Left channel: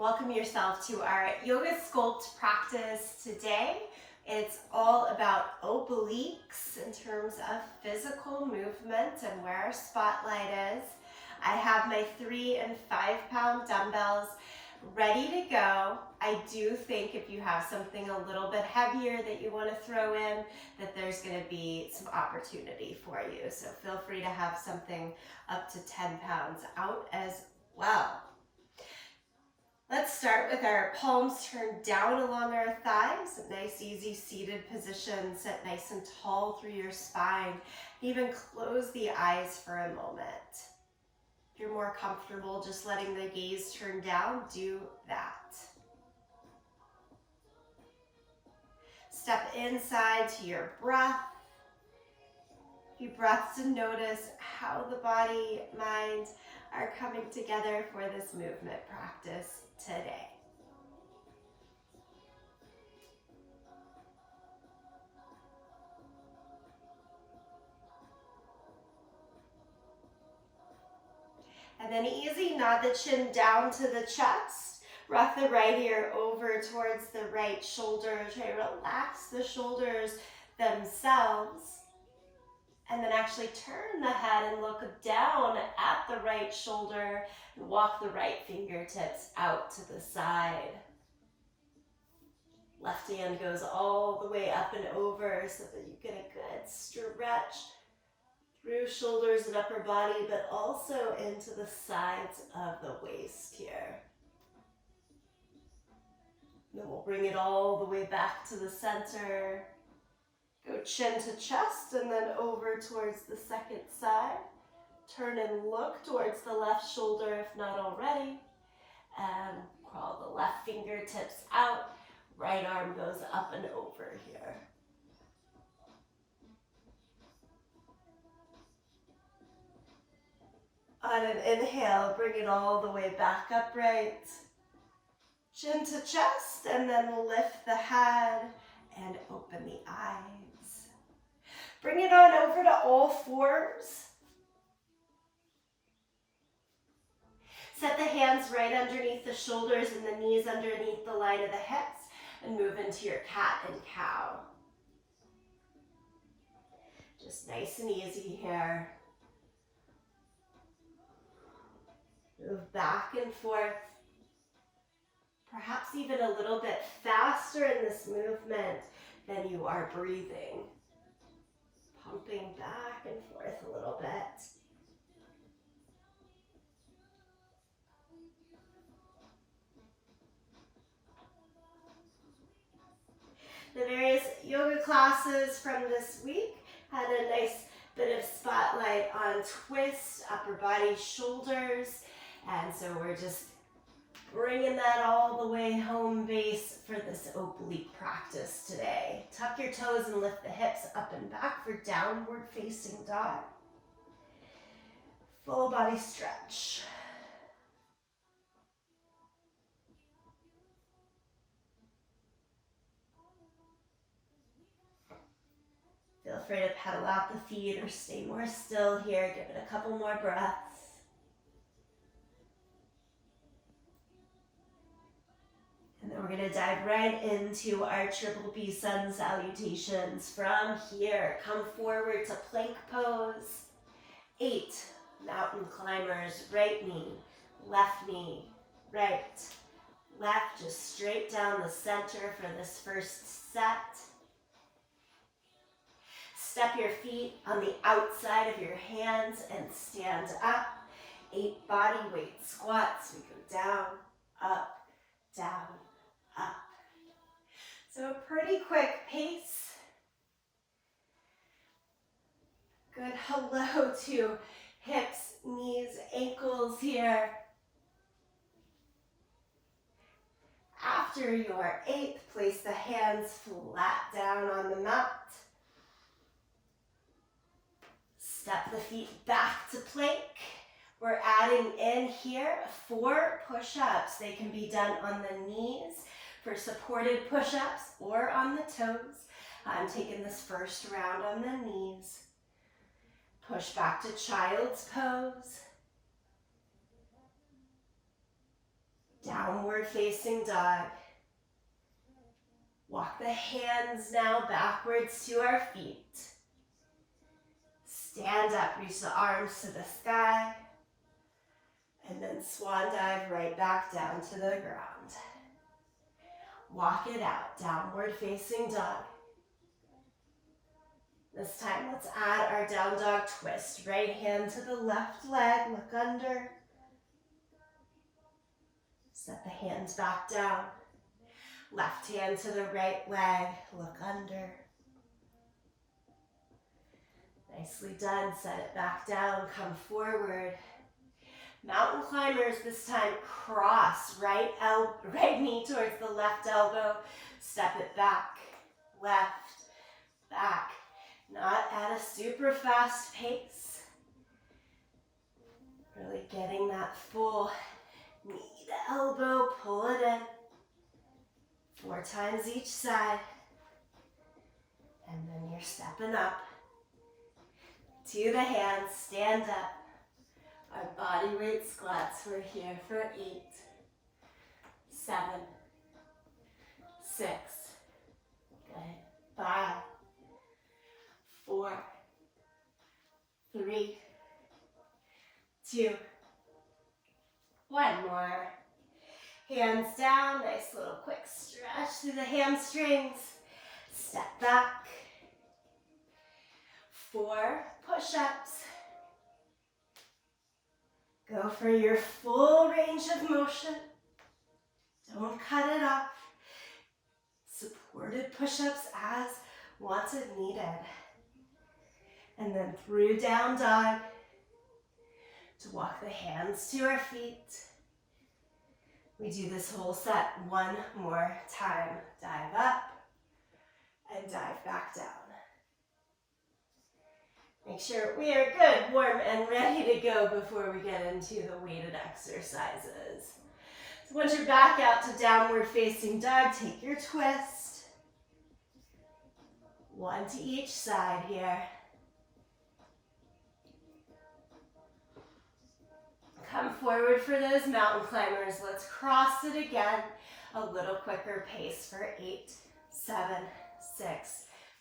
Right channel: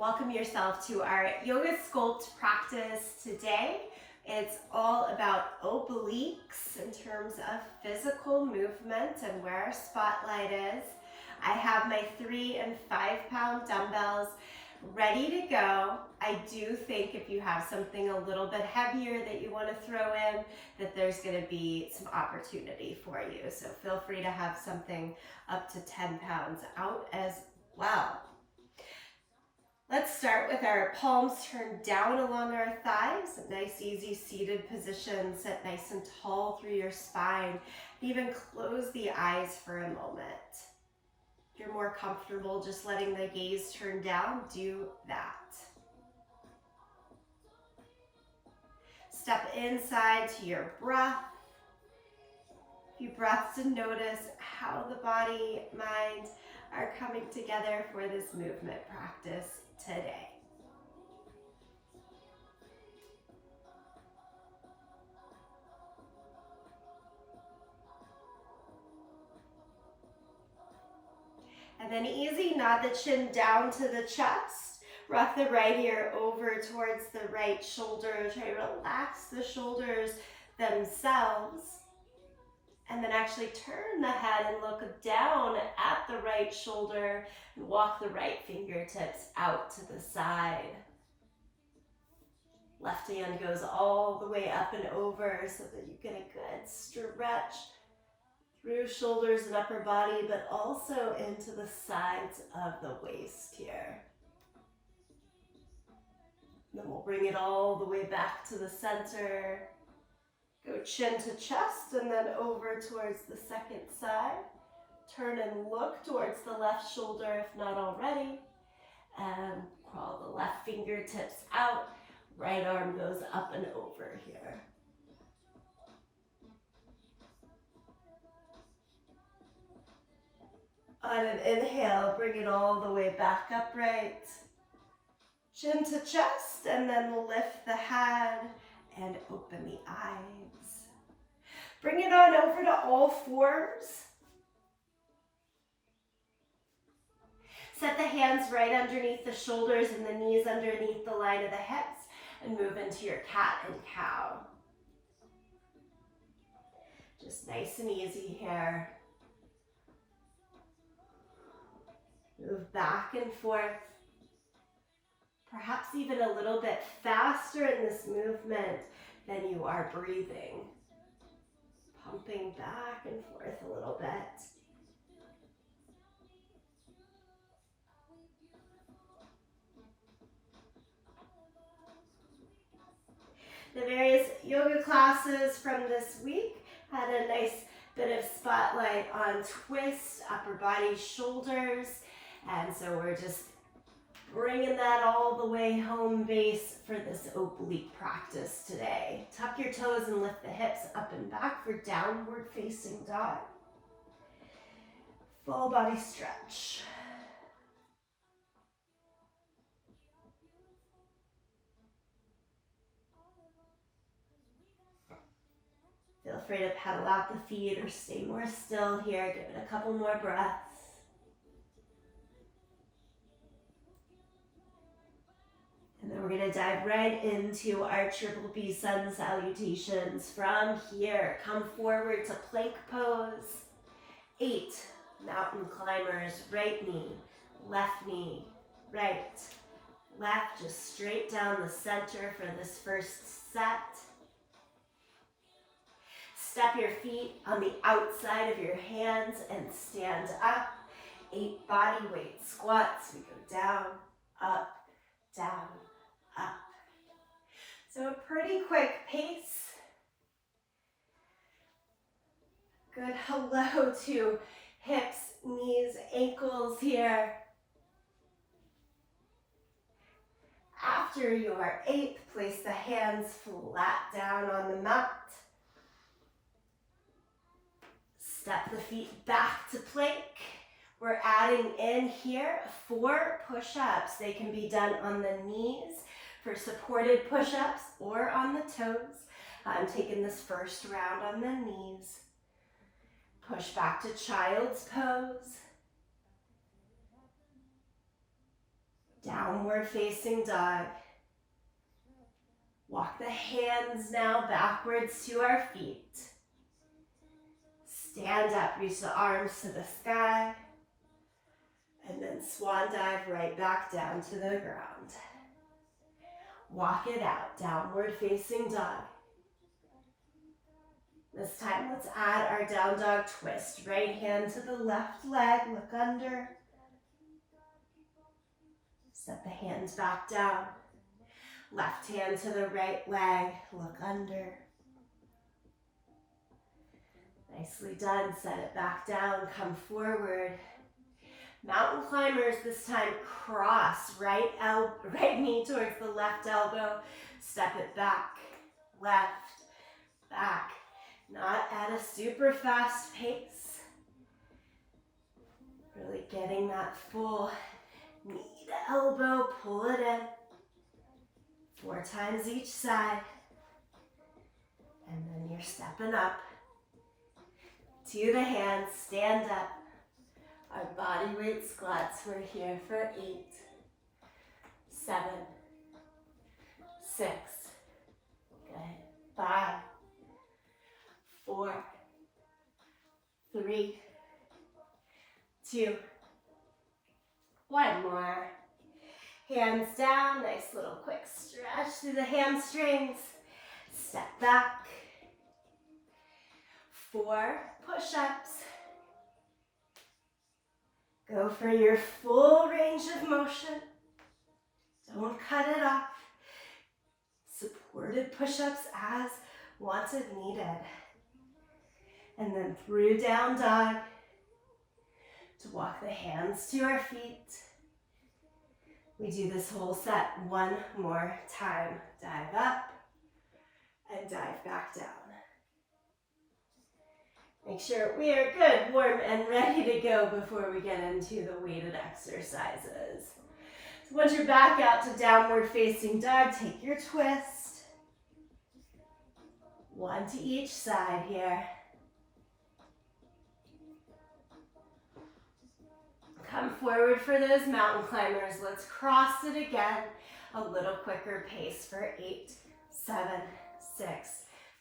Welcome yourself to our yoga sculpt practice today. It's all about obliques in terms of physical movement and where our spotlight is. I have my 3 and 5 pound dumbbells ready to go. I do think if you have something a little bit heavier that you want to throw in, that there's going to be some opportunity for you. So feel free to have something up to 10 pounds out as well. Let's start with our palms turned down along our thighs, a nice easy seated position. Sit nice and tall through your spine. Even close the eyes for a moment. If you're more comfortable just letting the gaze turn down, do that. Step inside to your breath. A few breaths to notice how the body, mind are coming together for this movement practice today. And then easy, nod the chin down to the chest. Rock the right ear over towards the right shoulder. Try to relax the shoulders themselves. And then actually turn the head and look down at the right shoulder and walk the right fingertips out to the side. Left hand goes all the way up and over so that you get a good stretch through shoulders and upper body, but also into the sides of the waist here. Then we'll bring it all the way back to the center. Go chin to chest and then over towards the second side. Turn and look towards the left shoulder if not already. And crawl the left fingertips out. Right arm goes up and over here. On an inhale, bring it all the way back upright. Chin to chest and then lift the head and open the eyes. Bring it on over to all fours. Set the hands right underneath the shoulders and the knees underneath the line of the hips and move into your cat and cow. Just nice and easy here. Move back and forth. Perhaps even a little bit faster in this movement than you are breathing. Pumping back and forth a little bit. The various yoga classes from this week had a nice bit of spotlight on twist, upper body, shoulders, and so we're just bringing that all the way home base for this oblique practice today. Tuck your toes and lift the hips up and back for downward facing dog. Full body stretch. Feel free to pedal out the feet or stay more still here. Give it a couple more breaths. And then we're going to dive right into our triple B sun salutations. From here, come forward to plank pose. 8 mountain climbers, right knee, right, left, just straight down the center for this first set. Step your feet on the outside of your hands and stand up. 8 body weight squats. We go down, up, down, up. So a pretty quick pace. Good hello to hips, knees, ankles here. After your 8th, place the hands flat down on the mat. Step the feet back to plank. We're adding in here 4 push-ups. They can be done on the knees for supported push-ups or on the toes. I'm taking this first round on the knees. Push back to child's pose. Downward facing dog. Walk the hands now backwards to our feet. Stand up, reach the arms to the sky. And then swan dive right back down to the ground. Walk it out, downward facing dog. This time, let's add our down dog twist. Right hand to the left leg, look under. Set the hands back down. Left hand to the right leg, look under. Nicely done, set it back down, come forward. Mountain climbers, this time cross, right knee towards the left elbow, step it back, left, back. Not at a super fast pace. Really getting that full knee to elbow, pull it in. 4 times each side. And then you're stepping up to the hands, stand up. Our body weight squats, we're here for 8, 7, 6, good, 5, 4, 3, 2, 1 more. Hands down, nice little quick stretch through the hamstrings. Step back. 4 push-ups. Go for your full range of motion. Don't cut it off. Supported push-ups as wanted, needed. And then through down dog to walk the hands to our feet. We do this whole set 1 more time. Dive up and dive back down. Make sure we are good, warm, and ready to go before we get into the weighted exercises. So once you're back out to downward facing dog, take your twist. 1 to each side here. Come forward for those mountain climbers. Let's cross it again. A little quicker pace for 8, 7, 6,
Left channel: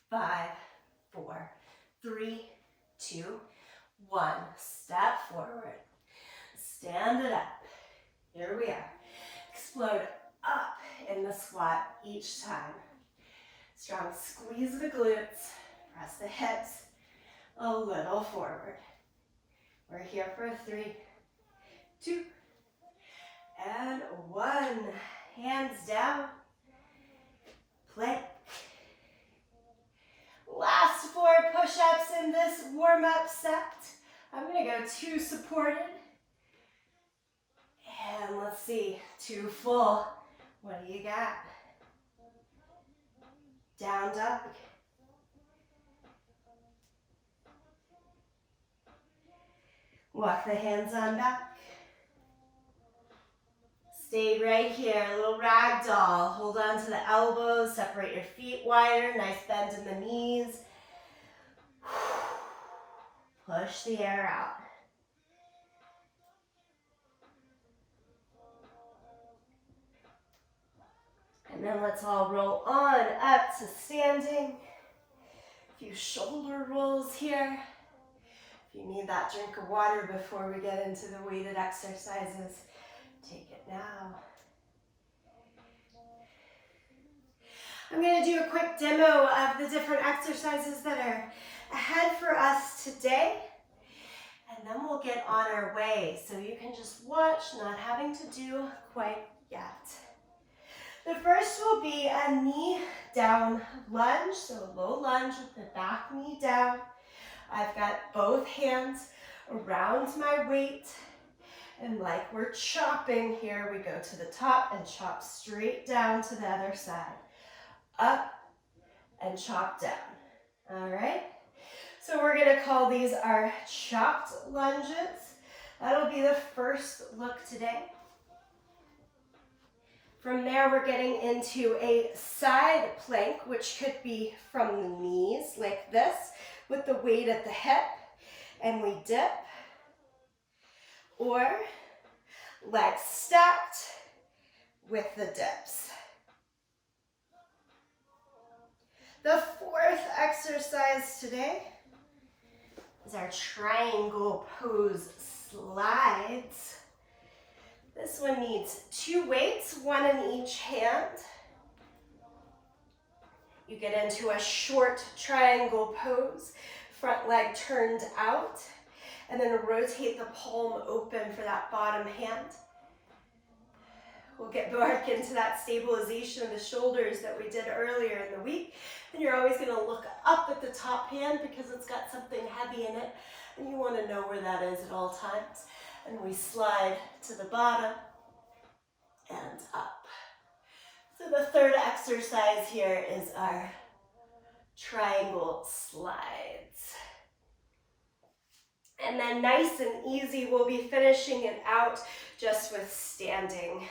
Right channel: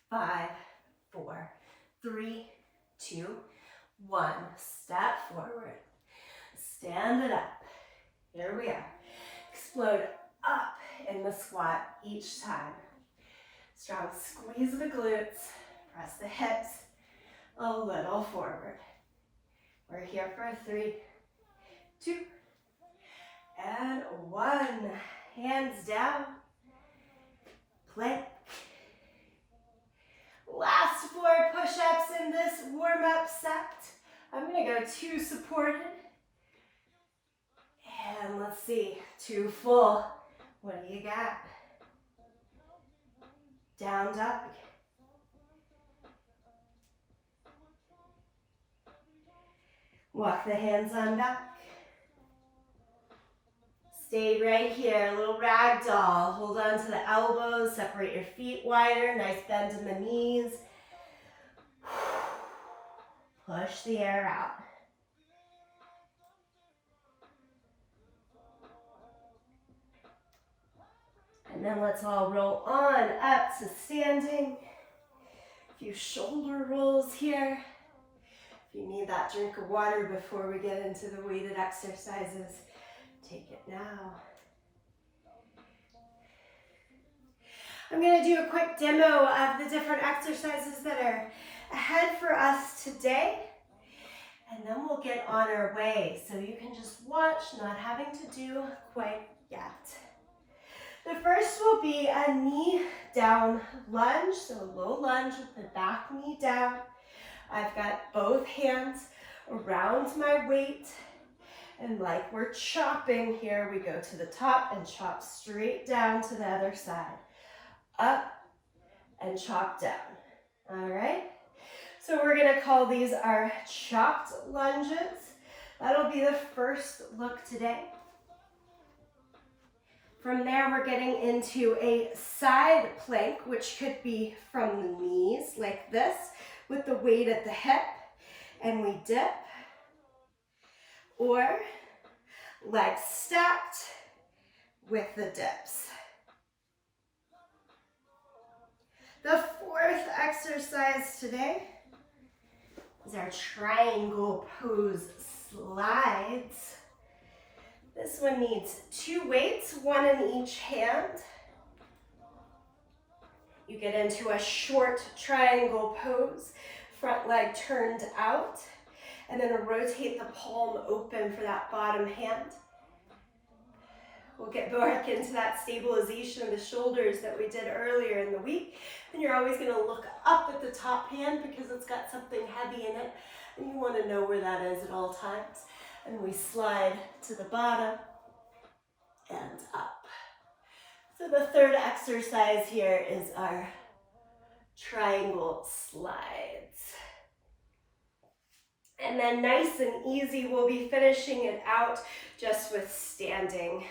5, 4, 3, 2, 1. Step forward. Stand it up. Here we are. Explode up in the squat each time. Strong squeeze of the glutes. Press the hips a little forward. We're here for 3, 2, and 1. Hands down. Plank. Last 4 push-ups in this warm-up set. I'm going to go 2 supported. And let's see, 2 full. What do you got? Down dog. Walk the hands on back. Stay right here, a little ragdoll. Hold on to the elbows, separate your feet wider, nice bend in the knees. Push the air out. And then let's all roll on up to standing. A few shoulder rolls here. If you need that drink of water before we get into the weighted exercises, take it now. I'm going to do a quick demo of the different exercises that are ahead for us today, and then we'll get on our way. So you can just watch, not having to do quite yet. The first will be a knee down lunge, so a low lunge with the back knee down. I've got both hands around my weight. And like we're chopping here, we go to the top and chop straight down to the other side. Up and chop down. All right? So we're going to call these our chopped lunges. That'll be the first look today. From there, we're getting into a side plank, which could be from the knees like this, with the weight at the hip, and we dip. Or legs stacked, with the dips. The fourth exercise today is our triangle pose slides. This one needs 2 weights, 1 in each hand. You get into a short triangle pose, front leg turned out, and then rotate the palm open for that bottom hand. We'll get back into that stabilization of the shoulders that we did earlier in the week. And you're always going to look up at the top hand because it's got something heavy in it, and you want to know where that is at all times. And we slide to the bottom and up. So the third exercise here is our triangle slides. And then nice and easy, we'll be finishing it out just with standing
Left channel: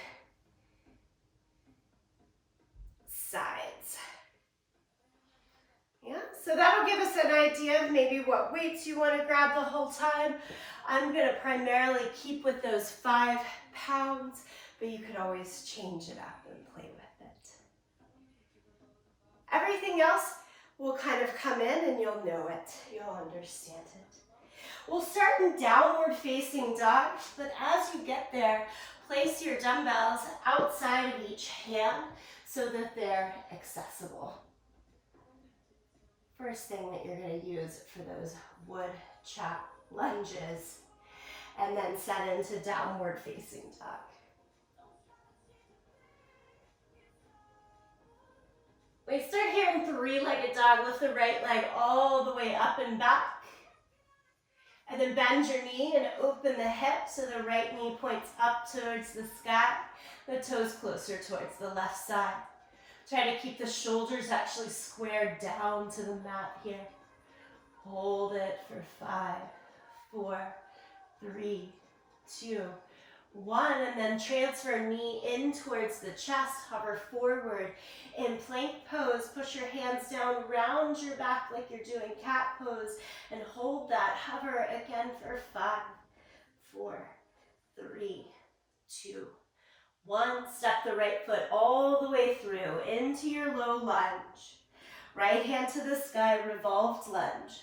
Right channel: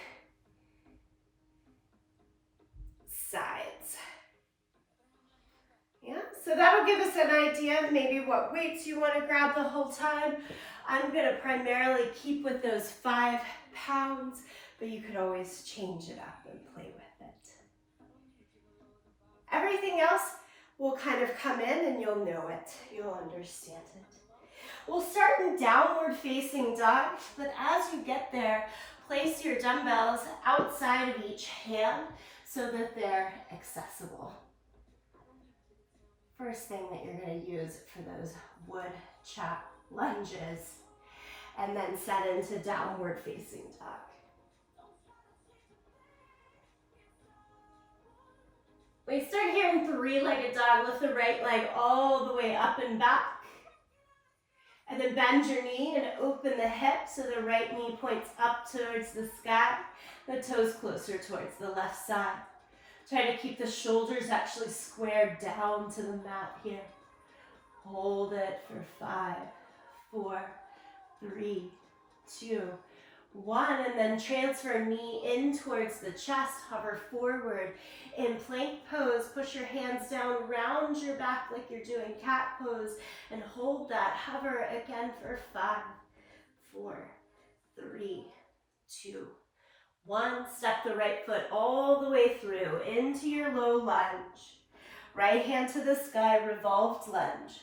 sides. Yeah, so that'll give us an idea of maybe what weights you want to grab the whole time. I'm going to primarily keep with those 5 pounds, but you could always change it up and play with it. Everything else will kind of come in and you'll know it. You'll understand it. We'll start in downward facing dog, but as you get there, place your dumbbells outside of each hand so that they're accessible. First thing that you're going to use for those wood chop lunges, and then set into downward facing dog. We start here in 3-legged dog. Lift the right leg all the way up and back. And then bend your knee and open the hip so the right knee points up towards the sky, the toes closer towards the left side. Try to keep the shoulders actually squared down to the mat here. Hold it for 5, 4, 3, 2, 1, and then transfer knee in towards the chest, hover forward. In plank pose, push your hands down, round your back like you're doing cat pose, and hold that. Hover again for 5, 4, 3, 2, 1. Step the right foot all the way through into your low lunge. Right hand to the sky, revolved lunge.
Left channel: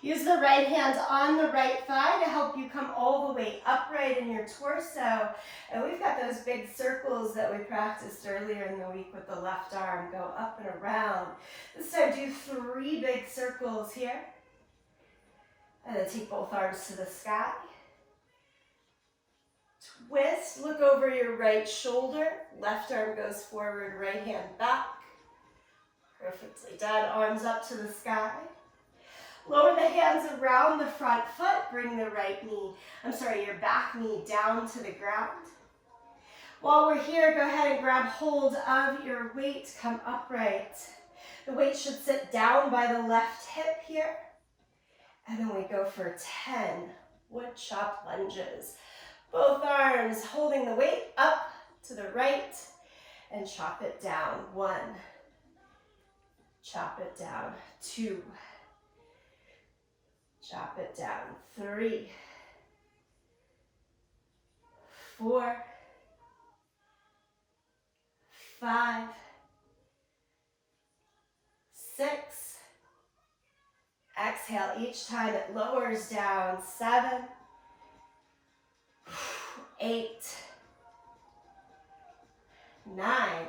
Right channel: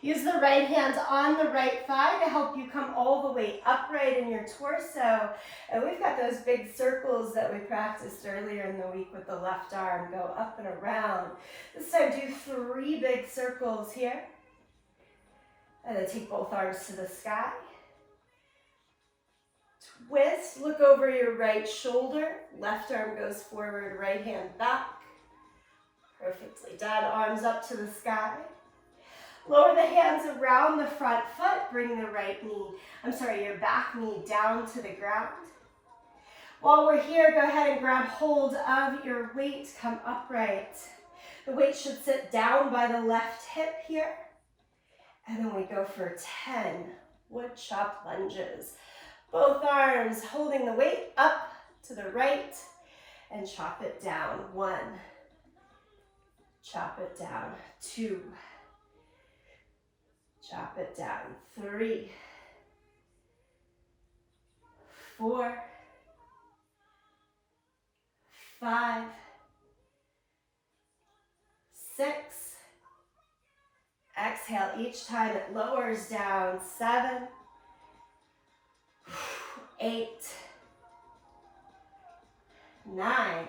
Use the right hand on the right thigh to help you come all the way upright in your torso. And we've got those big circles that we practiced earlier in the week with the left arm. Go up and around. This time do 3 big circles here. And then take both arms to the sky. Twist, look over your right shoulder. Left arm goes forward, right hand back. Perfectly done. Arms up to the sky. Lower the hands around the front foot. Bring the your back knee down to the ground. While we're here, go ahead and grab hold of your weight. Come upright. The weight should sit down by the left hip here. And then we go for 10 wood chop lunges. Both arms holding the weight up to the right and chop it down. 1. Chop it down. 2. Chop it down. 3, 4, 5, 6. Exhale each time it lowers down. 7, 8, 9,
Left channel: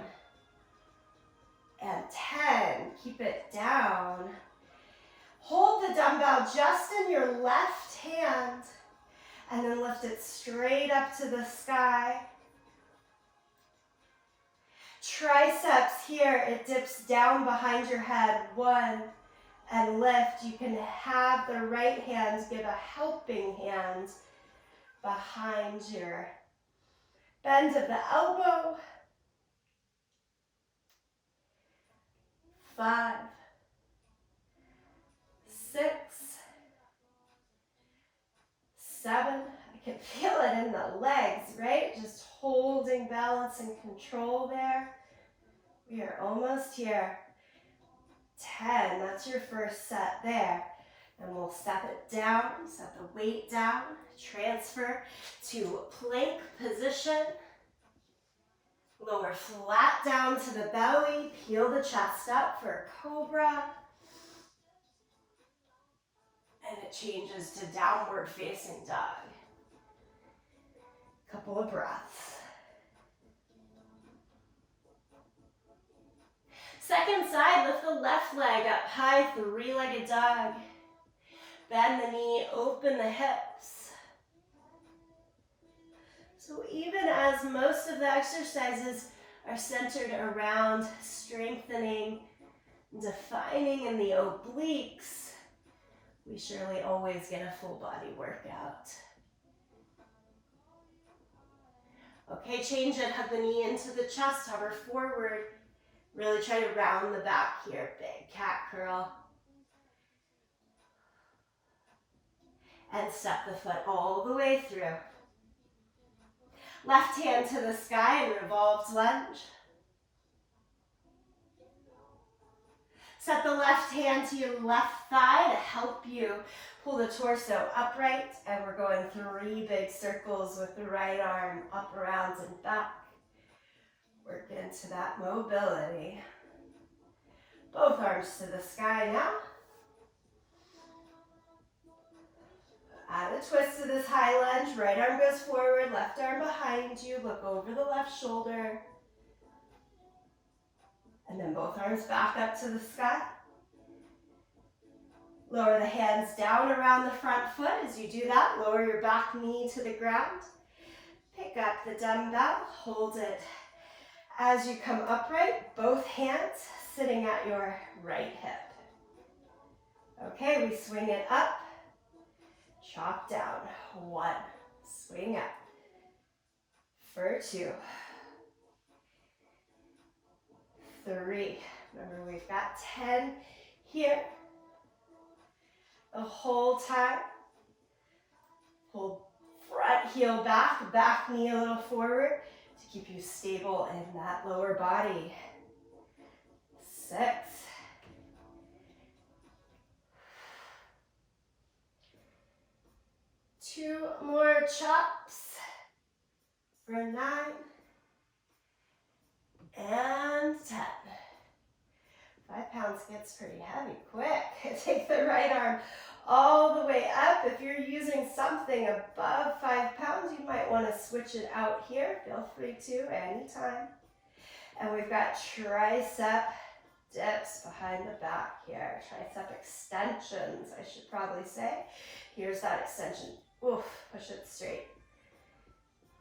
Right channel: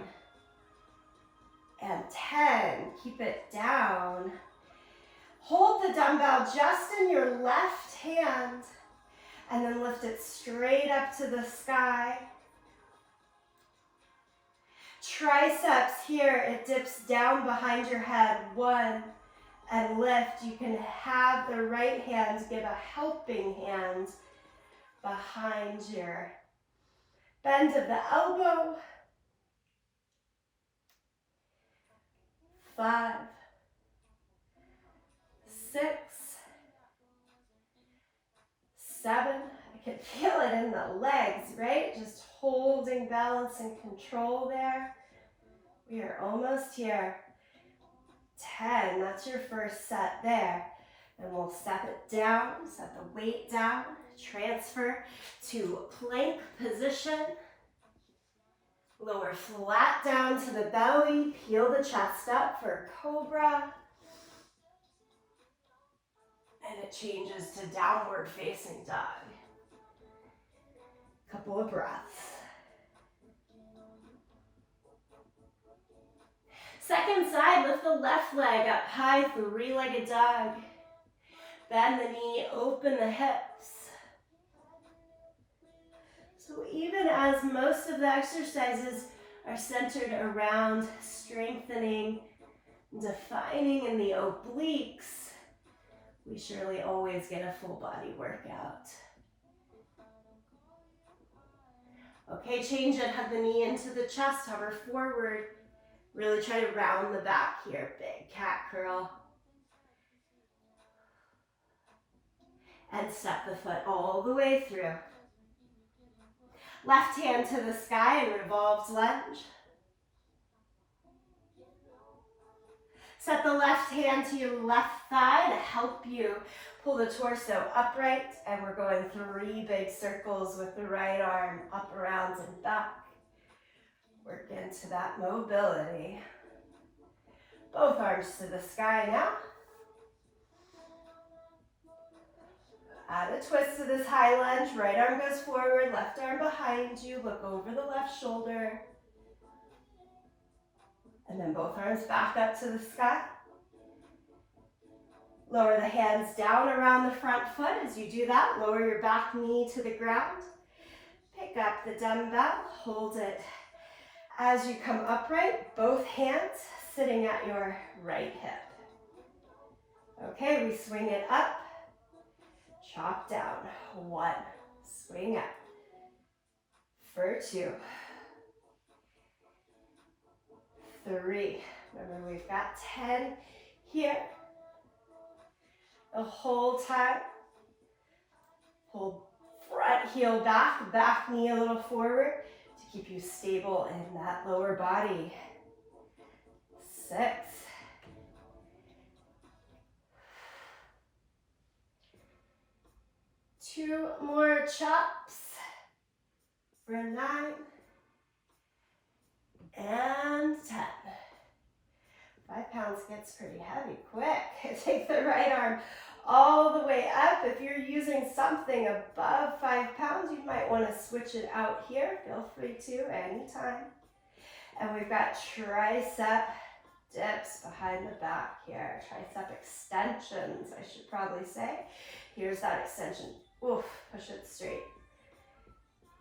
and 10. Keep it down. Hold the dumbbell just in your left hand and then lift it straight up to the sky. Triceps here, it dips down behind your head. 1, and lift. You can have the right hand give a helping hand behind your bend of the elbow. 5, 6, 7. I can feel it in the legs, right? Just holding balance and control there. We are almost here. 10, that's your first set there. And we'll step it down, set the weight down, transfer to plank position. Lower flat down to the belly, peel the chest up for cobra. And it changes to downward facing dog. Couple of breaths. Second side, lift the left leg up high, three-legged dog. Bend the knee, open the hips. So even as most of the exercises are centered around strengthening, defining in the obliques, we surely always get a full body workout. Okay, change it, hug the knee into the chest, hover forward. Really try to round the back here, big cat curl. And step the foot all the way through. Left hand to the sky and revolved lunge. Set the left hand to your left thigh to help you pull the torso upright. And we're going 3 big circles with the right arm up, around, and back. Work into that mobility. Both arms to the sky now. Add a twist to this high lunge. Right arm goes forward, left arm behind you. Look over the left shoulder. And then both arms back up to the sky. Lower the hands down around the front foot. As you do that, lower your back knee to the ground. Pick up the dumbbell, hold it. As you come upright, both hands sitting at your right hip. Okay, we swing it up, chop down. 1, swing up. For 2, 3. Remember, we've got 10 here. The whole time. Pull front heel back, back knee a little forward to keep you stable in that lower body. 6. 2 more chops for 9 and 10. 5 pounds gets pretty heavy quick. Take the right arm all the way up. If you're using something above 5 pounds, you might want to switch it out here. Feel free to anytime. And we've got tricep dips behind the back here. Tricep extensions, I should probably say. Here's that extension. Oof, push it straight.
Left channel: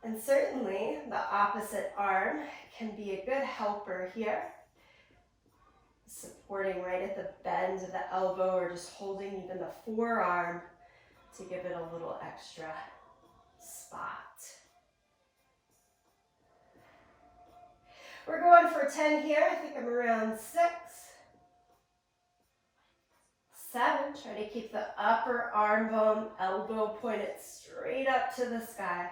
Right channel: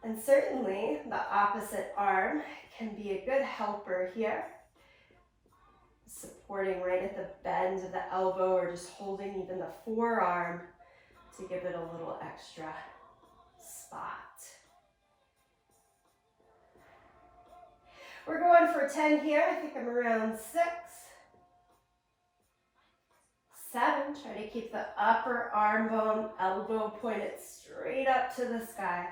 And certainly the opposite arm can be a good helper here. Supporting right at the bend of the elbow or just holding even the forearm to give it a little extra spot. We're going for 10 here. I think I'm around 6. 7, try to keep the upper arm bone, elbow pointed straight up to the sky.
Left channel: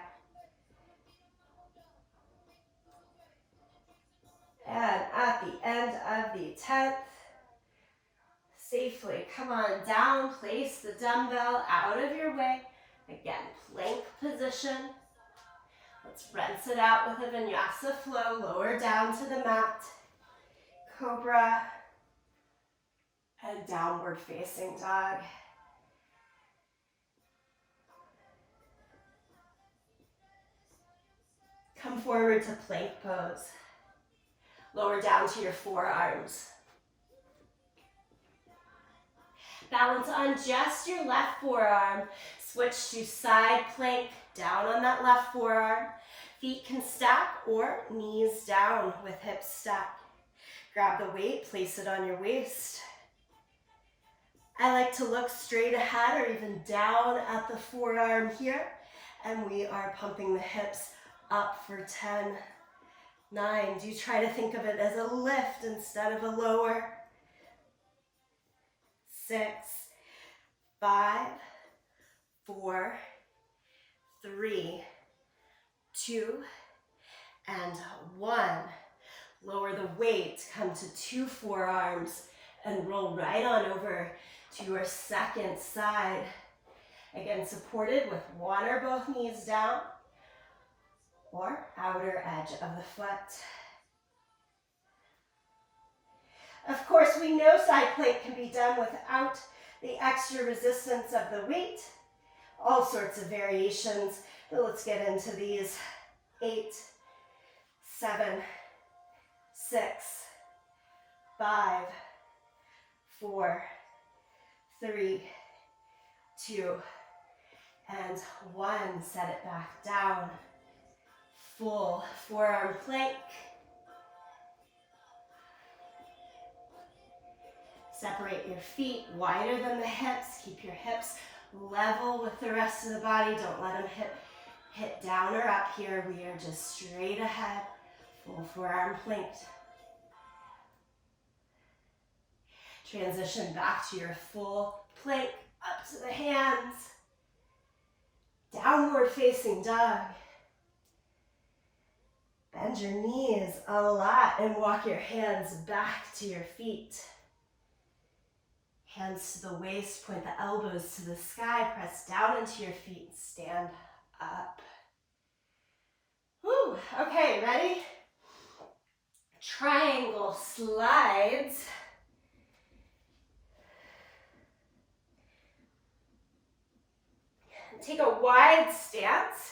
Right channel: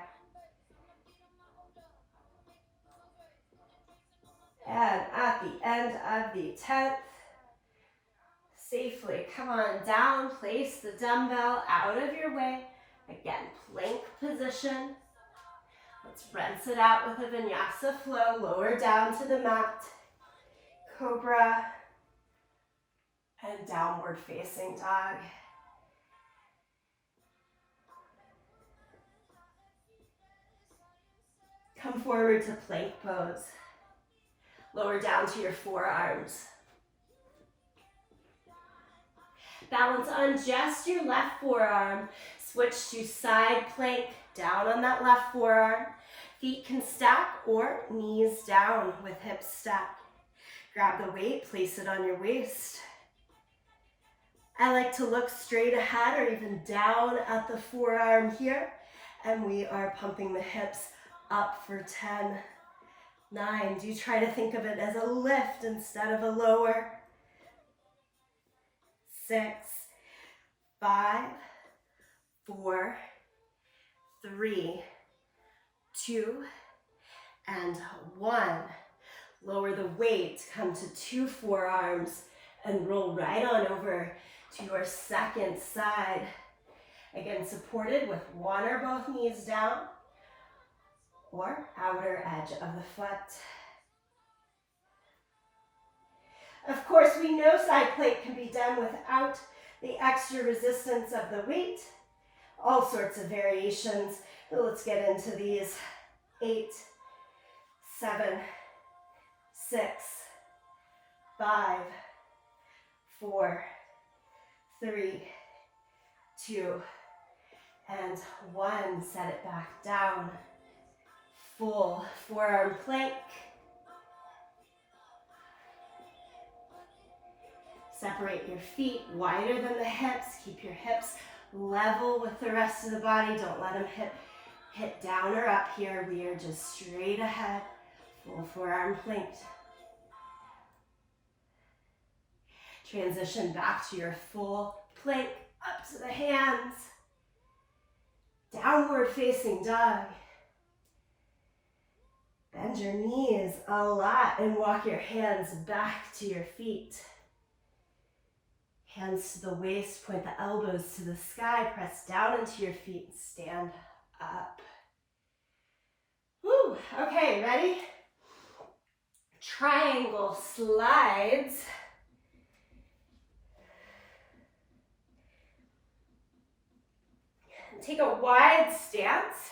And at the end of the 10th, safely come on down, place the dumbbell out of your way. Again, plank position. Let's rinse it out with a vinyasa flow, lower down to the mat, cobra, and downward facing dog. Come forward to plank pose. Lower down to your forearms. Balance on just your left forearm. Switch to side plank, down on that left forearm. Feet can stack or knees down with hips stacked. Grab the weight, place it on your waist. I like to look straight ahead or even down at the forearm here. And we are pumping the hips up for 10, 9. Do try to think of it as a lift instead of a lower. 6, 5, 4, 3, 2, and 1. Lower the weight, come to 2 forearms and roll right on over to your second side. Again, supported with one or both knees down or outer edge of the foot. Of course, we know side plank can be done without the extra resistance of the weight. All sorts of variations, but let's get into these. 8, 7, 6, 5, 4, 3, 2, and 1. Set it back down. Full forearm plank. Separate your feet wider than the hips. Keep your hips level with the rest of the body. Don't let them hit down or up here. We are just straight ahead. Full forearm plank. Transition back to your full plank, up to the hands. Downward facing dog. Bend your knees a lot and walk your hands back to your feet. Hands to the waist, point the elbows to the sky, press down into your feet, stand up. Woo, okay, ready? Triangle slides. Take a wide stance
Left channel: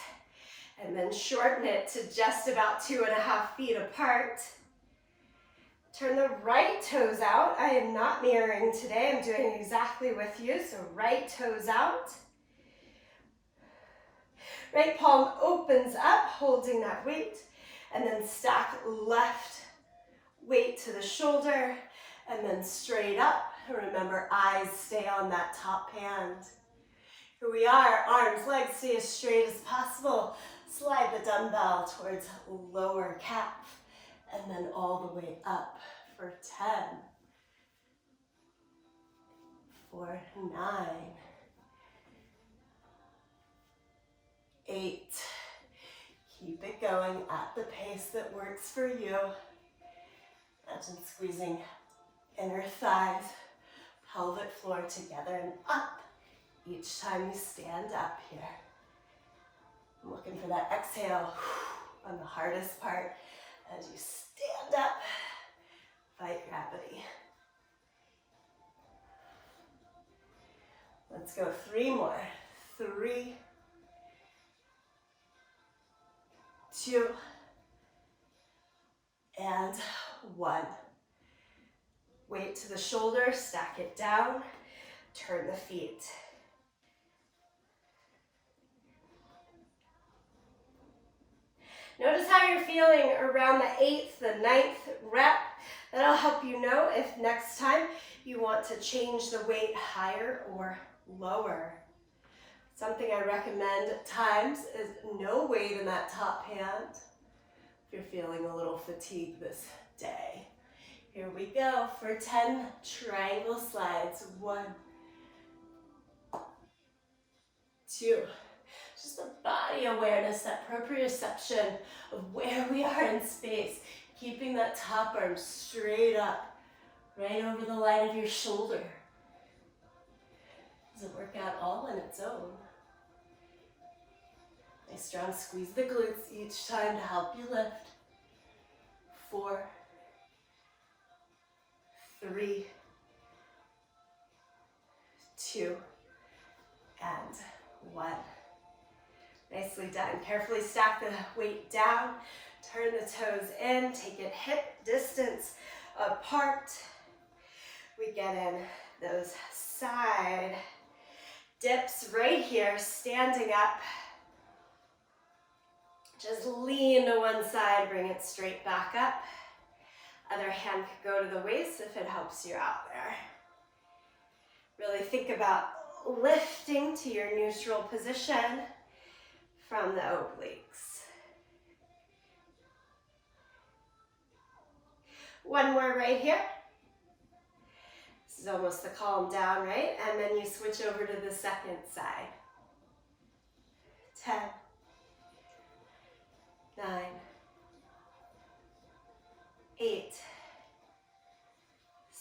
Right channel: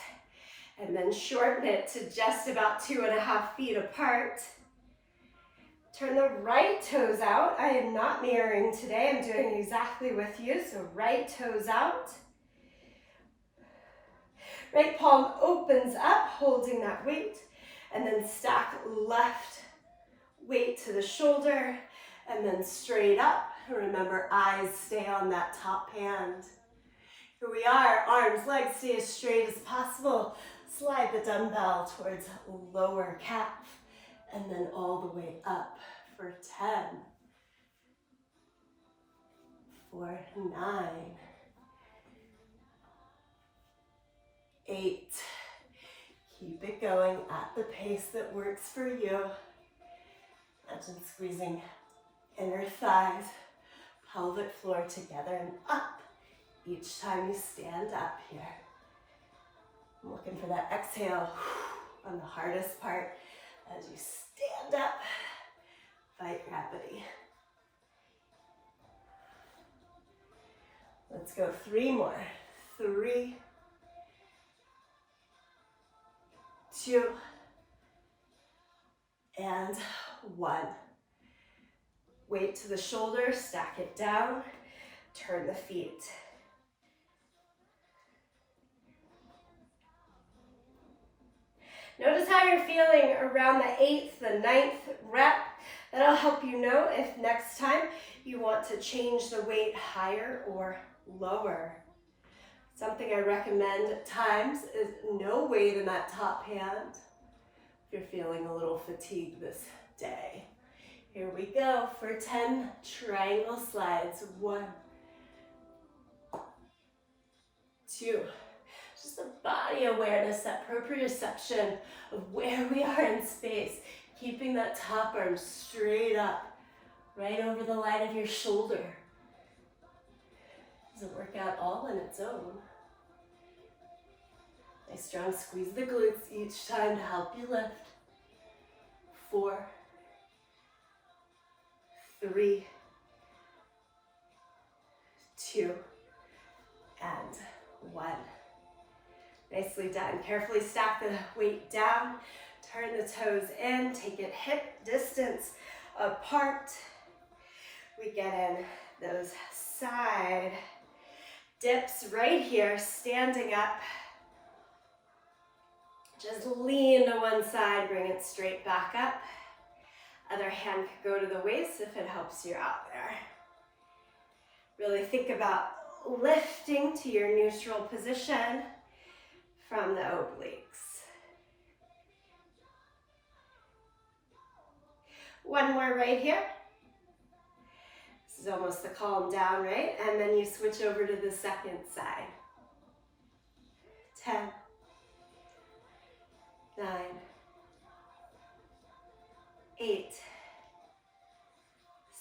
and then shorten it to just about 2.5 feet apart. Turn the right toes out. I am not mirroring today. I'm doing exactly with you. So right toes out. Right palm opens up, holding that weight. And then stack left weight to the shoulder. And then straight up. Remember, eyes stay on that top hand. Here we are. Arms, legs stay as straight as possible. Slide the dumbbell towards lower calf. And then all the way up for 10, for 9, 8. Keep it going at the pace that works for you. Imagine squeezing inner thighs, pelvic floor together and up each time you stand up here. I'm looking for that exhale on the hardest part as you stand up. Fight gravity. Let's go 3 more. 3, 2, and 1. Weight to the shoulder, stack it down, turn the feet. Notice how you're feeling around the 8th, the 9th rep. That'll help you know if next time you want to change the weight higher or lower. Something I recommend at times is no weight in that top hand if you're feeling a little fatigued this day. Here we go for 10 triangle slides. 1, 2. Just the body awareness, that proprioception of where we are in space. Keeping that top arm straight up, right over the line of your shoulder. Doesn't work out all on its own. Nice strong squeeze the glutes each time to help you lift. 4, 3, 2, and 1. Nicely done. Carefully stack the weight down. Turn the toes in, take it hip distance apart. We get in those side dips right here, standing up. Just lean to one side, bring it straight back up. Other hand could go to the waist if it helps you out there. Really think about lifting to your neutral position from the obliques. One more right here. This is almost the calm down, right? And then you switch over to the second side. 10, 9, 8,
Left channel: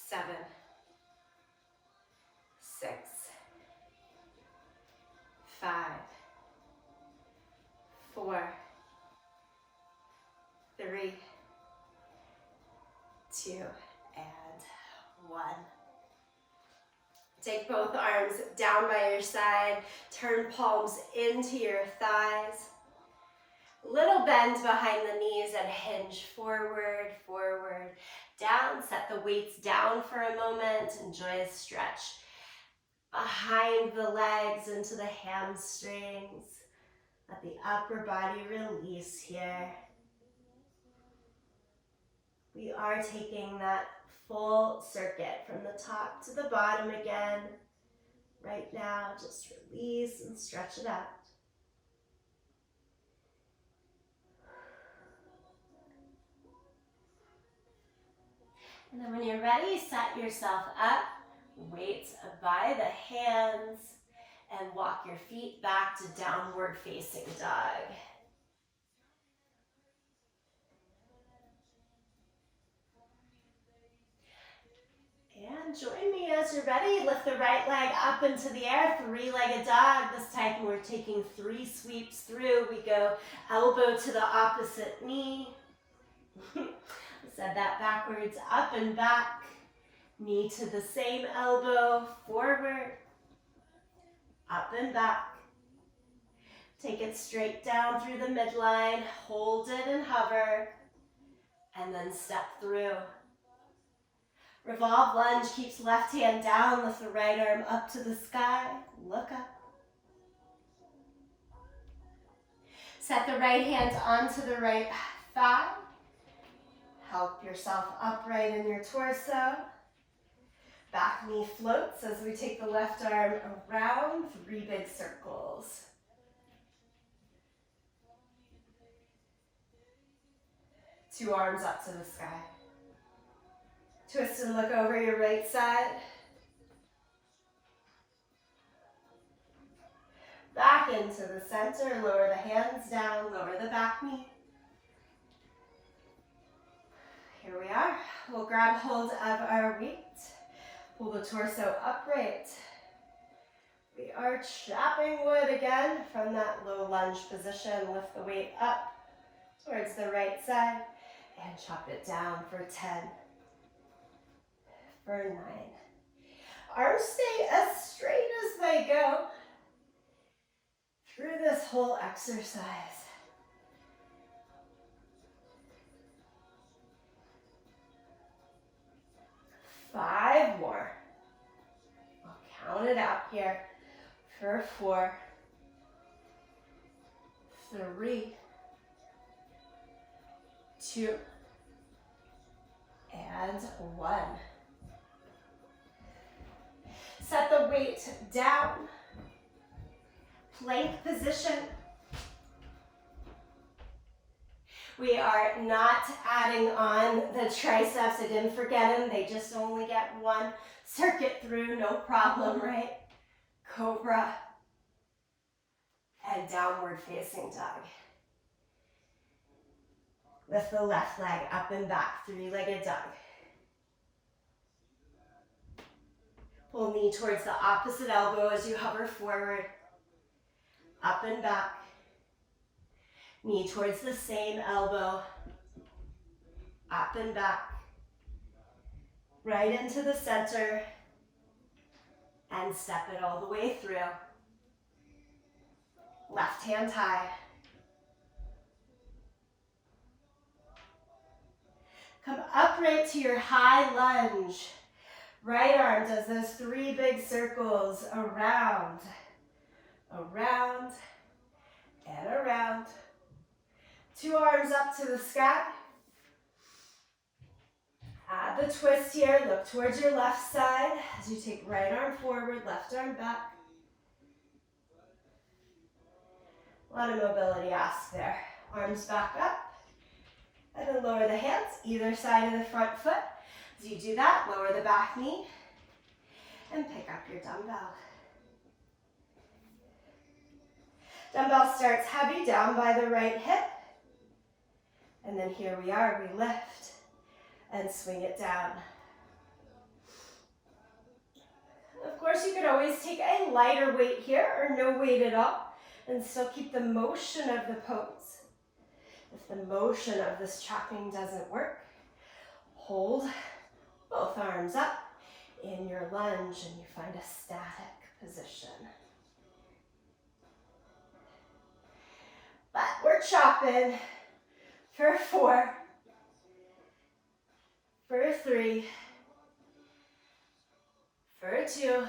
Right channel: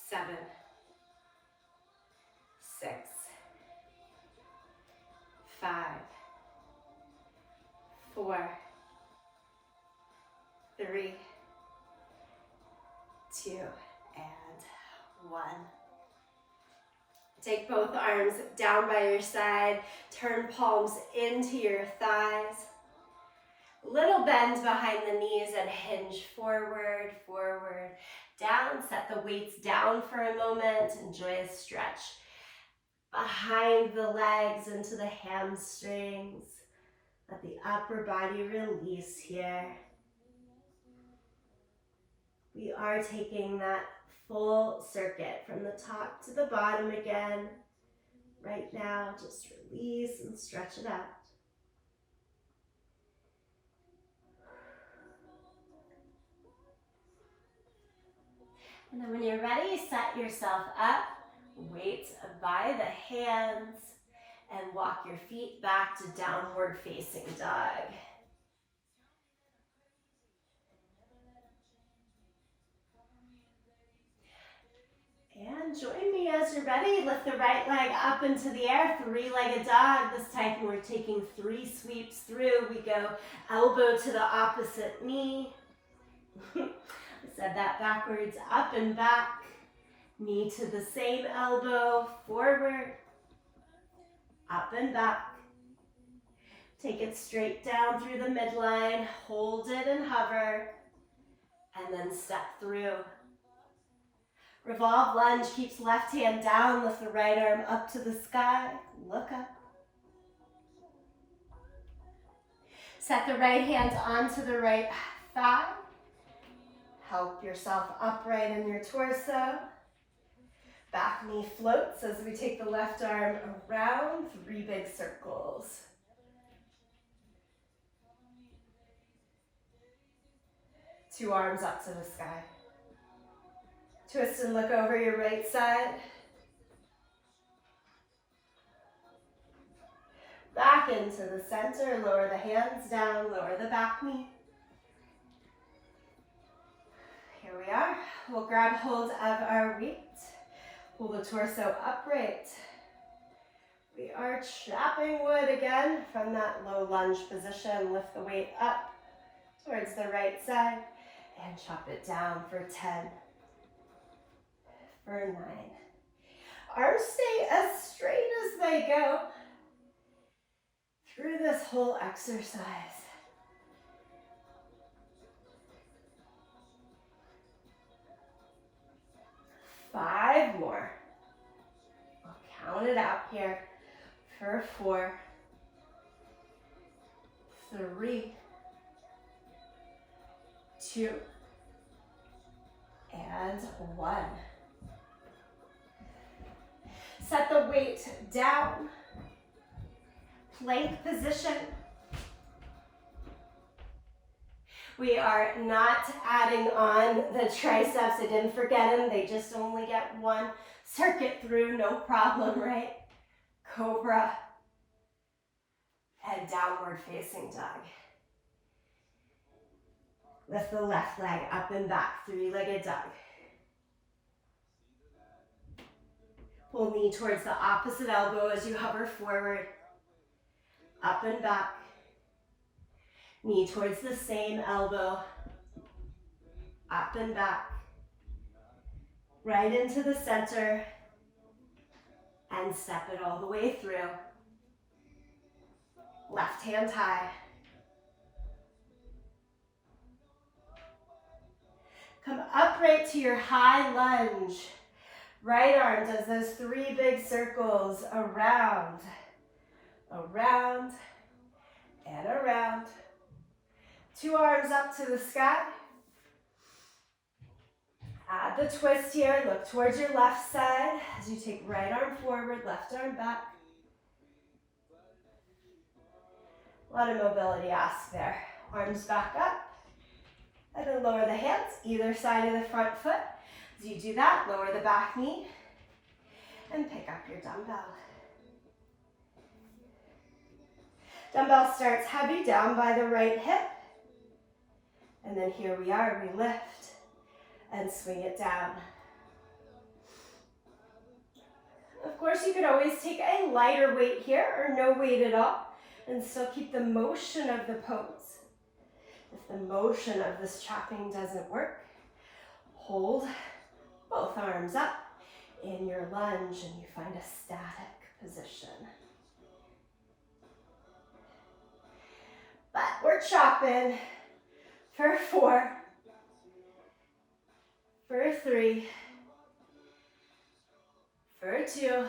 7, 5, 4, 3, 2, and 1. Take both arms down by your side, turn palms into your thighs. Little bend behind the knees and hinge forward, forward, down. Set the weights down for a moment. Enjoy a stretch behind the legs into the hamstrings. Let the upper body release here. We are taking that full circuit from the top to the bottom again. Right now, just release and stretch it out. And then when you're ready, set yourself up, weights by the hands, and walk your feet back to downward facing dog. And join me as you're ready. Lift the right leg up into the air, three-legged dog. This time we're taking 3 sweeps through. We go elbow to the opposite knee. I said that backwards, up and back. Knee to the same elbow, forward, up and back. Take it straight down through the midline, hold it and hover, and then step through. Revolve lunge, keeps left hand down, lift the right arm up to the sky, look up. Set the right hand onto the right thigh. Help yourself upright in your torso. Back knee floats as we take the left arm around, 3 big circles. Two arms up to the sky. Twist and look over your right side. Back into the center, lower the hands down, lower the back knee. Here we are. We'll grab hold of our weight. Pull the torso upright. We are chopping wood again from that low lunge position. Lift the weight up towards the right side and chop it down for 10, for 9. Arms stay as straight as they go through this whole exercise. 5 more. I'll count it out here for 4, 3, 2, and 1. Set the weight down. Plank position. We are not adding on the triceps. I didn't forget them. They just only get 1 circuit through, no problem, right? Cobra and downward facing dog. Lift the left leg up and back, 3-legged dog. Pull knee towards the opposite elbow as you hover forward, up and back. Knee towards the same elbow, up and back. Right into the center, and step it all the way through. Left hand high. Come upright to your high lunge. Right arm does those 3 big circles around, around, and around. 2 arms up to the sky. Add the twist here. Look towards your left side as you take right arm forward, left arm back. A lot of mobility asked there. Arms back up. And then lower the hands, either side of the front foot. As you do that, lower the back knee and pick up your dumbbell. Dumbbell starts heavy down by the right hip. And then here we are, we lift and swing it down. Of course, you could always take a lighter weight here or no weight at all and still keep the motion of the pose. If the motion of this chopping doesn't work, hold both arms up in your lunge and you find a static position. But we're chopping for 4, for 3, for 2,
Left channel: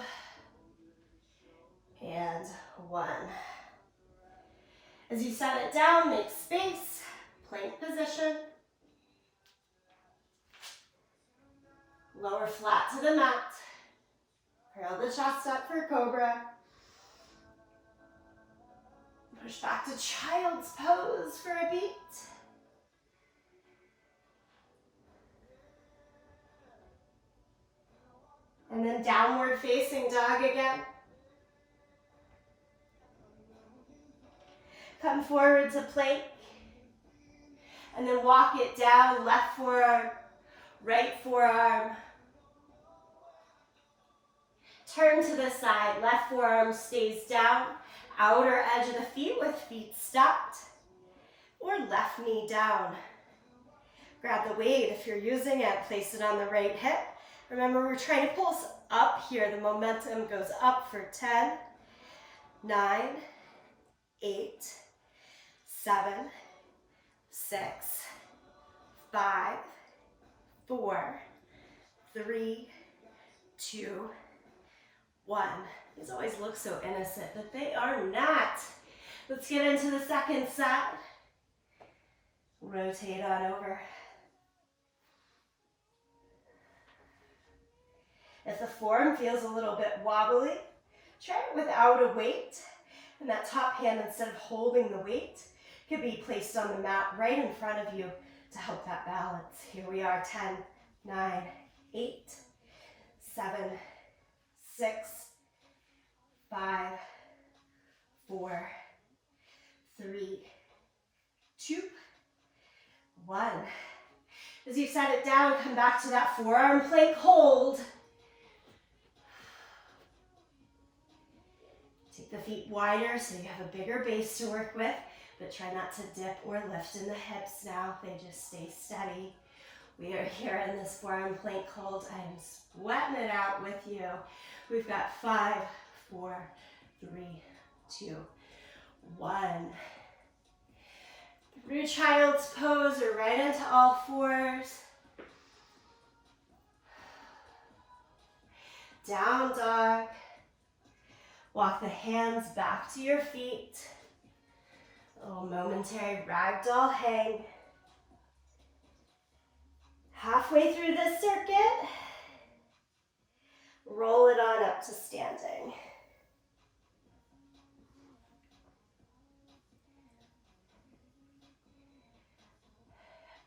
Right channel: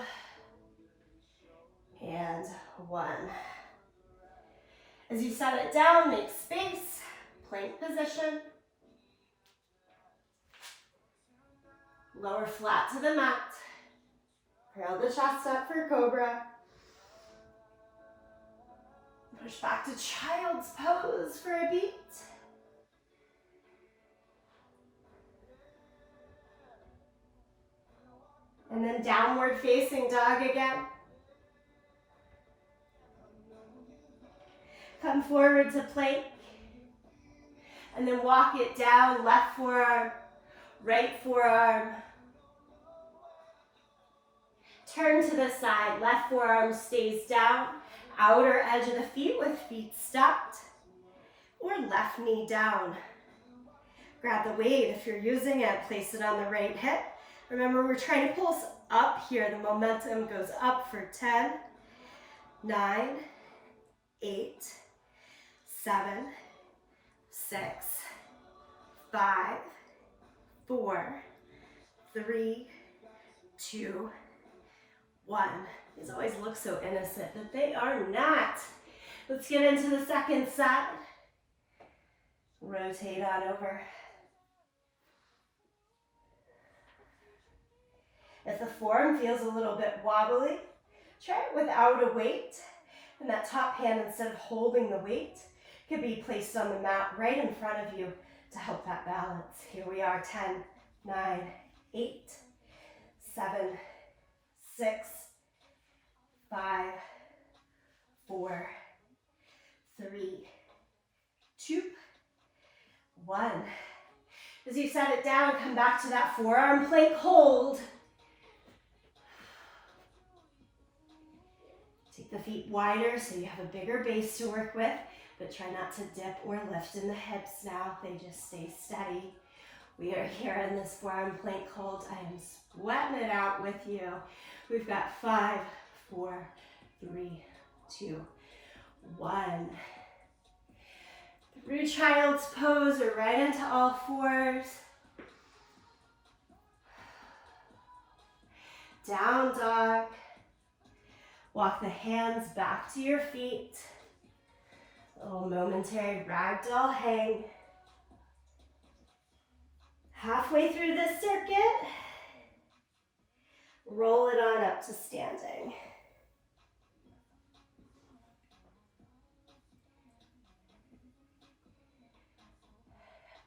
and 1. As you set it down, make space, plank position. Lower flat to the mat. Curl the chest up for cobra. Push back to child's pose for a beat. And then downward facing dog again. Come forward to plank. And then walk it down, left forearm, right forearm. Turn to the side, left forearm stays down, outer edge of the feet with feet stopped, or left knee down. Grab the weight if you're using it, place it on the right hip. Remember, we're trying to pulse up here. The momentum goes up for 10, 9, 8, 7, 6, 5, 4, 3, 2, 1. These always look so innocent, but they are not. Let's get into the second side. Rotate on over. If the form feels a little bit wobbly, try it without a weight. And that top hand, instead of holding the weight, could be placed on the mat right in front of you to help that balance. Here we are, 10, 9, 8, 7, 6, 5, 4, 3, 2, 1. As you set it down, come back to that forearm plank hold. Take the feet wider so you have a bigger base to work with, but try not to dip or lift in the hips now. They just stay steady. We are here in this forearm plank hold. I am sweating it out with you. We've got 5, 4, 3, 2, 1. Through child's pose or right into all fours. Down dog. Walk the hands back to your feet. A little momentary ragdoll hang. Halfway through this circuit, roll it on up to standing.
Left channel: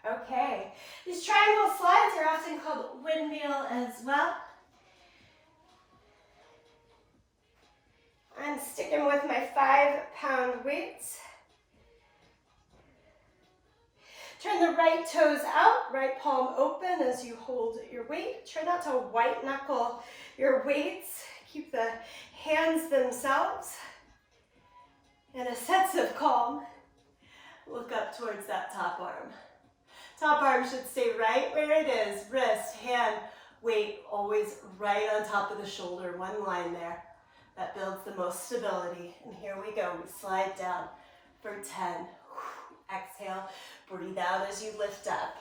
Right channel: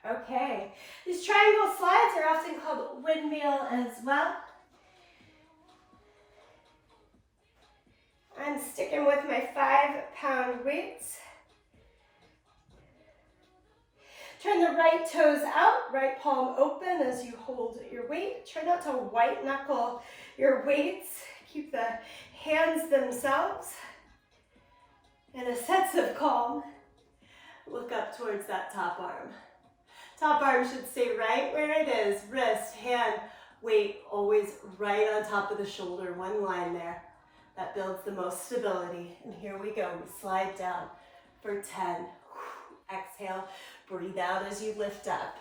Okay, these triangle slides are often called windmill as well. I'm sticking with my 5-pound weights. Turn the right toes out, right palm open as you hold your weight. Try not to white knuckle your weights. Keep the hands themselves in a sense of calm. Look up towards that top arm. Top arm should stay right where it is. Wrist, hand, weight always right on top of the shoulder. One line there. That builds the most stability. And here we go. We slide down for 10. Exhale. Breathe out as you lift up.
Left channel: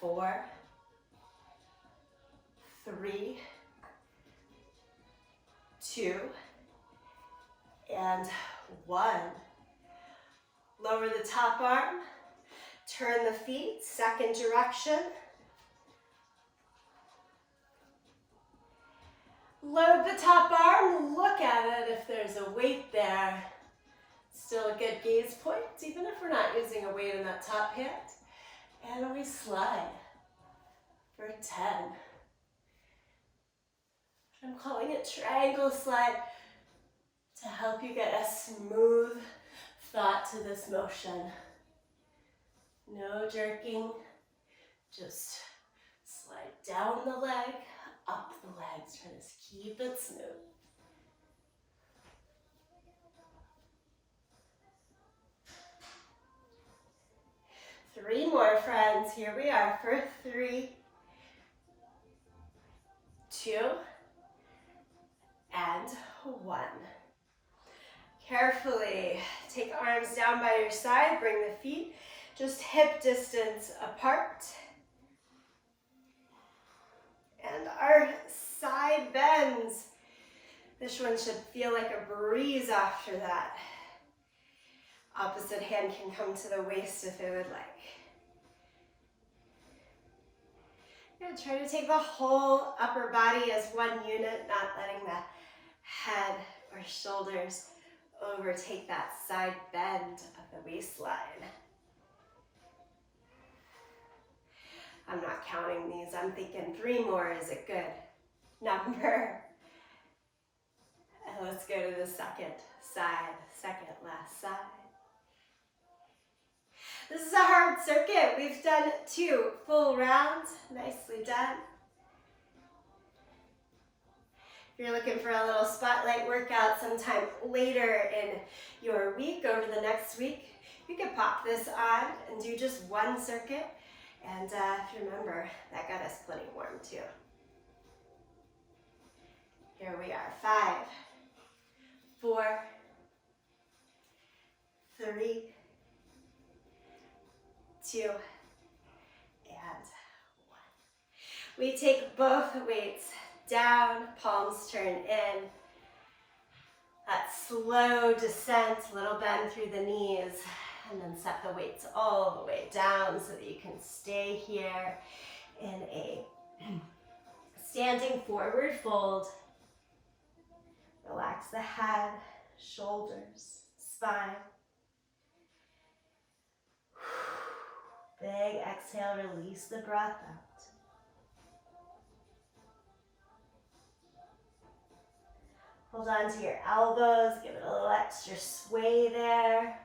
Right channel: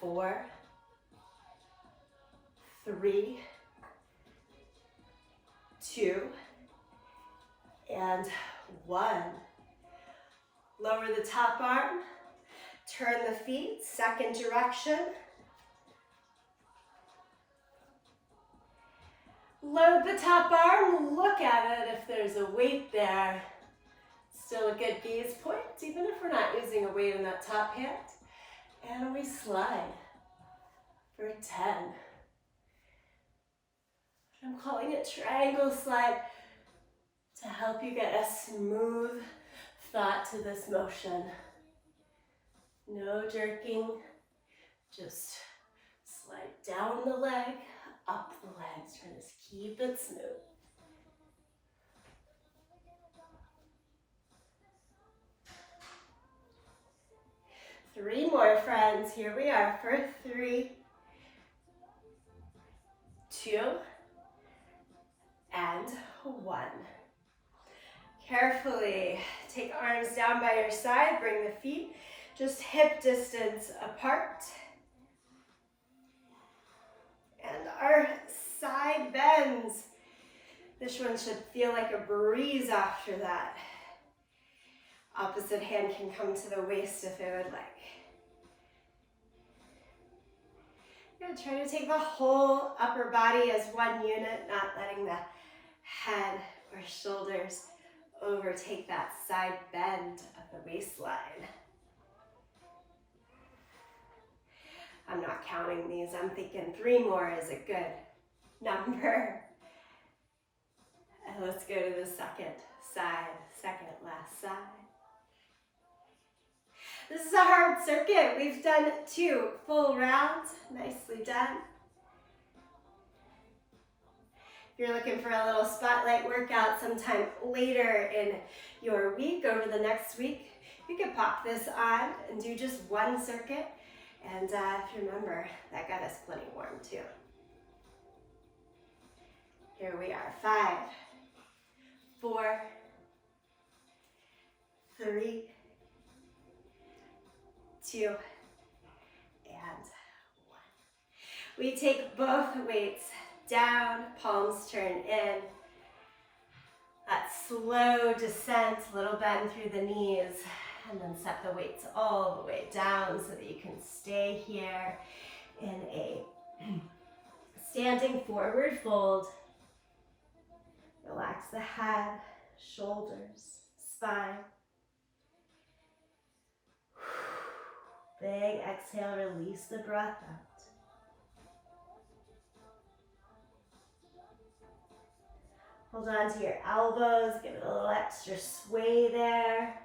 Four, 3, 2, and 1. Lower the top arm, turn the feet, second direction. Load the top arm, look at it if there's a weight there. Still a good gaze point, even if we're not using a weight in that top hand. And we slide for 10. I'm calling it triangle slide to help you get a smooth thought to this motion. No jerking, just slide down the leg, up the legs, trying to keep it smooth. Three more, friends. Here we are for 3, 2, and 1. Carefully take arms down by your side, bring the feet just hip distance apart. And our side bends. This one should feel like a breeze after that. Opposite hand can come to the waist if it would like. Good. Try to take the whole upper body as one unit, not letting the head or shoulders overtake that side bend of the waistline. I'm not counting these. I'm thinking 3 more is a good number. And let's go to the second side, second last side. This is a hard circuit. We've done 2 full rounds. Nicely done. If you're looking for a little spotlight workout sometime later in your week, over the next week, you could pop this on and do just 1 circuit. And if you remember, that got us plenty warm too. Here we are, 5, 4, 3, 2, and 1. We take both weights down, palms turn in. That slow descent, little bend through the knees, and then set the weights all the way down so that you can stay here in a standing forward fold. Relax the head, shoulders, spine. Big exhale, release the breath out. Hold on to your elbows, give it a little extra sway there.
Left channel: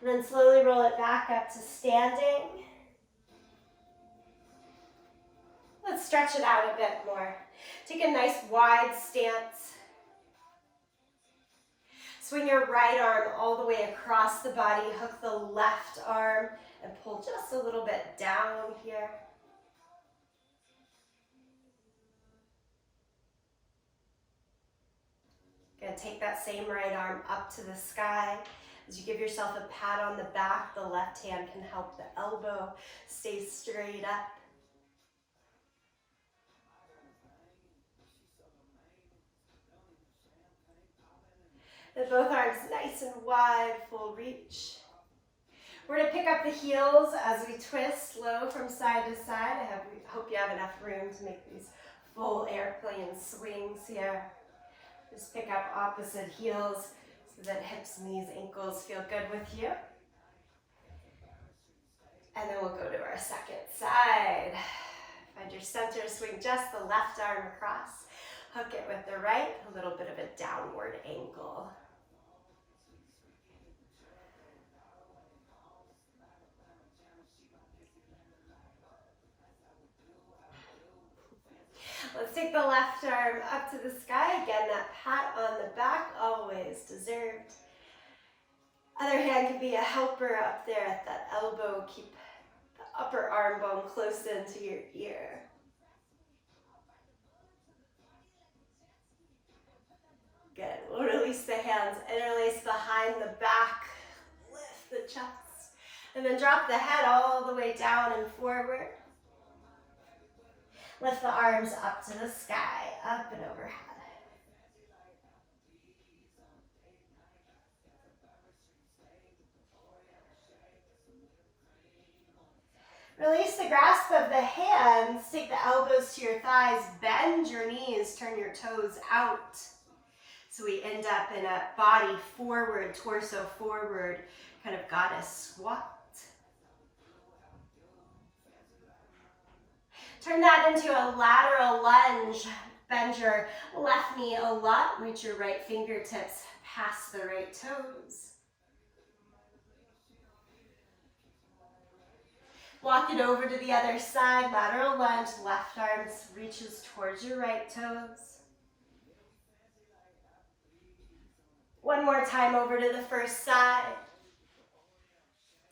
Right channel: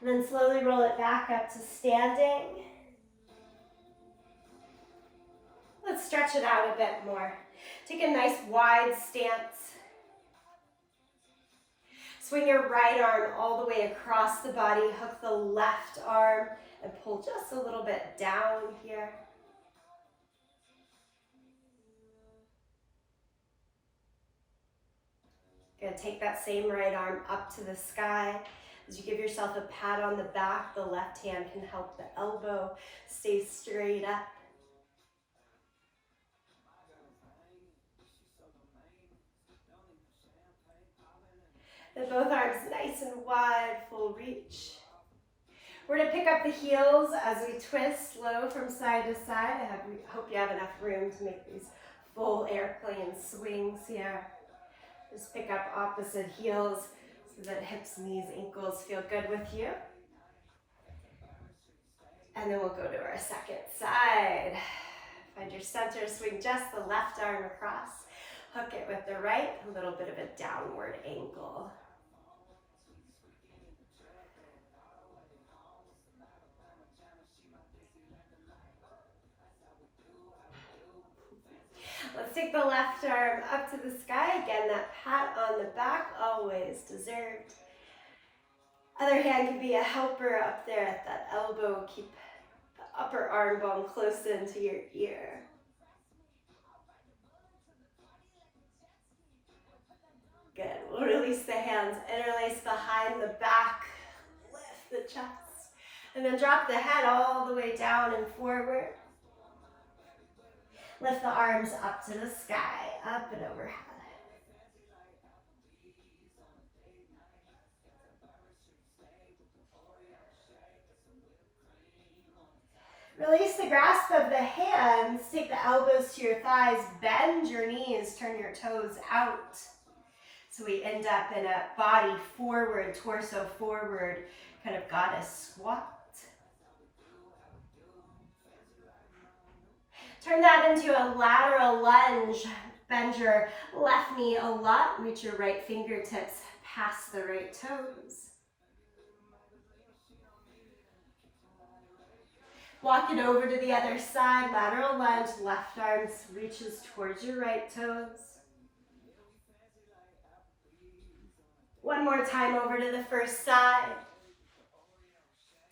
And then slowly roll it back up to standing. Let's stretch it out a bit more. Take a nice wide stance. Swing your right arm all the way across the body. Hook the left arm and pull just a little bit down here. Gonna take that same right arm up to the sky. As you give yourself a pat on the back, the left hand can help the elbow stay straight up. And both arms nice and wide, full reach. We're gonna pick up the heels as we twist slow from side to side. I hope you have enough room to make these full airplane swings here. Just pick up opposite heels so that hips, knees, ankles feel good with you. And then we'll go to our second side. Find your center, swing just the left arm across. Hook it with the right, a little bit of a downward angle. Let's take the left arm up to the sky. Again, that pat on the back, always deserved. Other hand can be a helper up there at that elbow. Keep the upper arm bone close into your ear. Good. We'll release the hands, interlace behind the back, lift the chest, and then drop the head all the way down and forward. Lift the arms up to the sky, up and overhead. Release the grasp of the hands, take the elbows to your thighs, bend your knees, turn your toes out. So we end up in a body forward, torso forward, kind of goddess squat. Turn that into a lateral lunge. Bend your left knee a lot. Reach your right fingertips past the right toes. Walk it over to the other side. Lateral lunge. Left arm reaches towards your right toes. One more time over to the first side.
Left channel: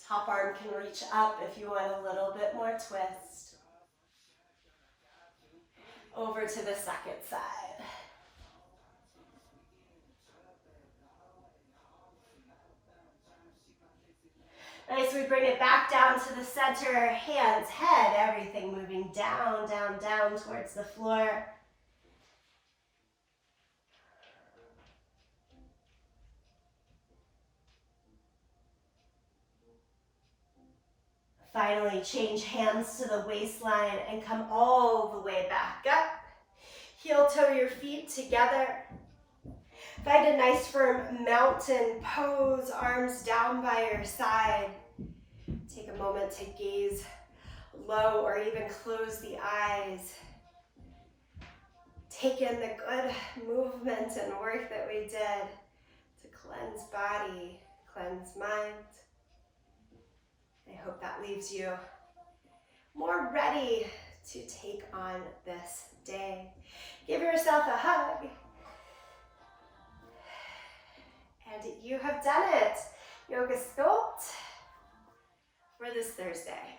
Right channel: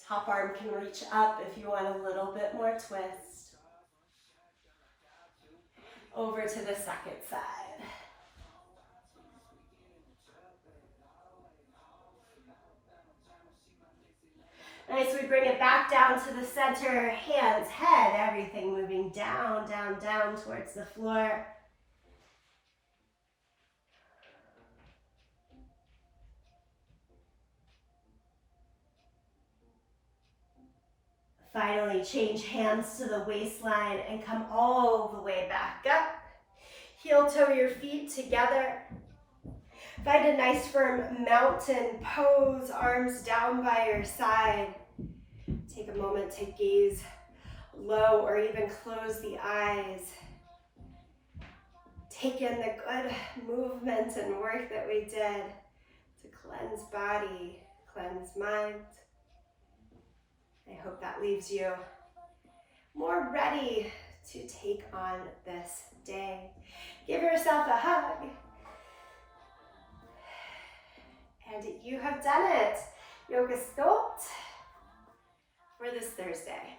Top arm can reach up if you want a little bit more twist. Over to the second side. Nice, we bring it back down to the center, hands, head, everything moving down, down, down towards the floor. Finally, change hands to the waistline and come all the way back up. Heel toe your feet together. Find a nice firm mountain pose, arms down by your side. Take a moment to gaze low or even close the eyes. Take in the good movement and work that we did to cleanse body, cleanse mind. I hope that leaves you more ready to take on this day. Give yourself a hug. And you have done it. Yoga Sculpt for this Thursday.